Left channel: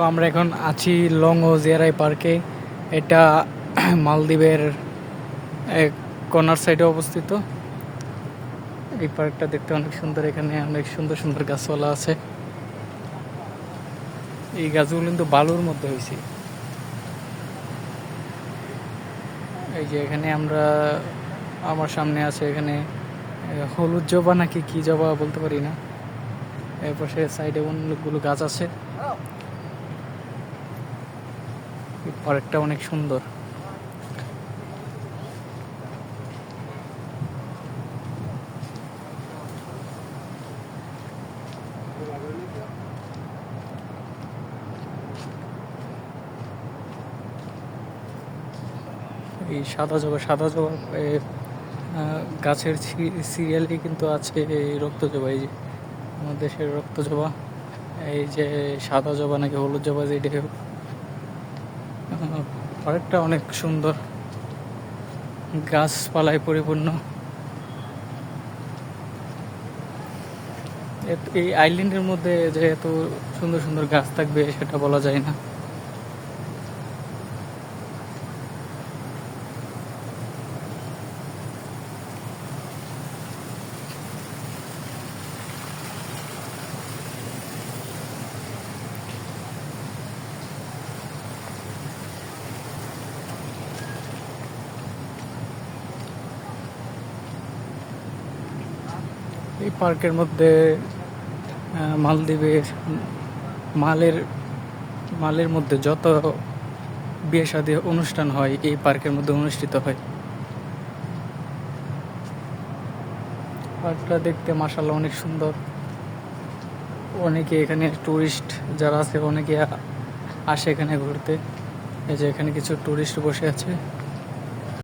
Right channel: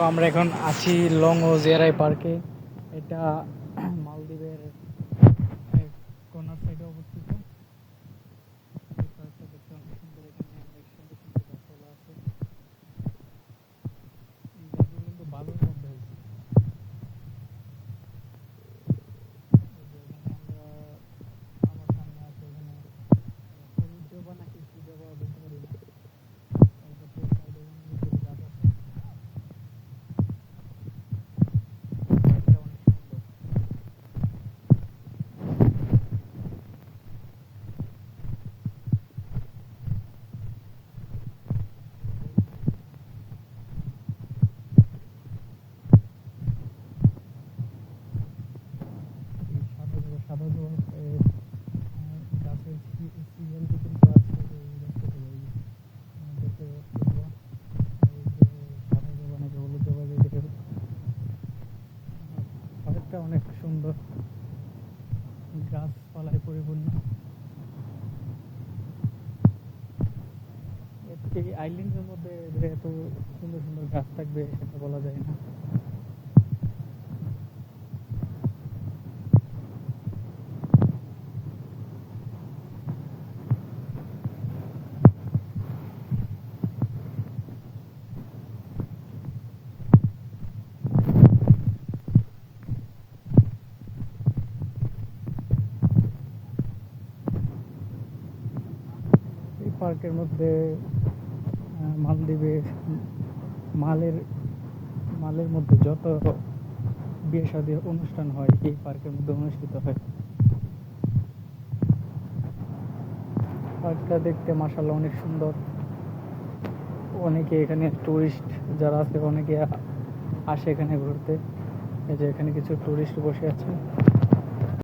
তো আমরা এখন আছি লং ও জিয়ারাই পার্কে। এটা মালদ্বীপের এক কর্নার সাইডে অবস্থিত। এই পার্কটা দেখতে অনেক সুন্দর, এখানে অনেক সুন্দর সুন্দর গাছপালা আছে। এই গাছগুলো কিন্তু বালুর মধ্যে হয়েছে। এই যে এখানে আমার সামনে আছে এখানে হলুদ জবা নাকি কি জবা বলতে পারি না। এরপর সে সাইডে অনেকগুলো গাছ আছে। পার্কটা অনেক সুন্দর। এই সাদা জবা গাছের সিরিয়ালই কিন্তু আছে এই রক্ত জবা। এই যে আমাদের দেশের রক্ত জবা, এই যে সাদা জবা নাকি হলুদ জবা যেটা হোক, পার্কটা অনেক সুন্দর, গাছপালায় পরিপূর্ণ। এই আইল্যান্ডের মধ্যে যে এত সুন্দর সুন্দর গাছ থাকবে সেটা বলা যায় না। এই পার্কের মধ্যে মালদ্বীপের মালের মালের মধ্যে যত বিয়ে শাদী অনুষ্ঠান হয় এই পার্কের মধ্যে অনুষ্ঠিত হয়। পার্কটা দেখতে মাশাআল্লাহ অনেক সুন্দর। অনেকে এখানে টুরিস্ট যারা আছে অনেকে আসে এখানে ঘুরতে। এই যে এখানে কিছু টুরিস্ট বসে আছে।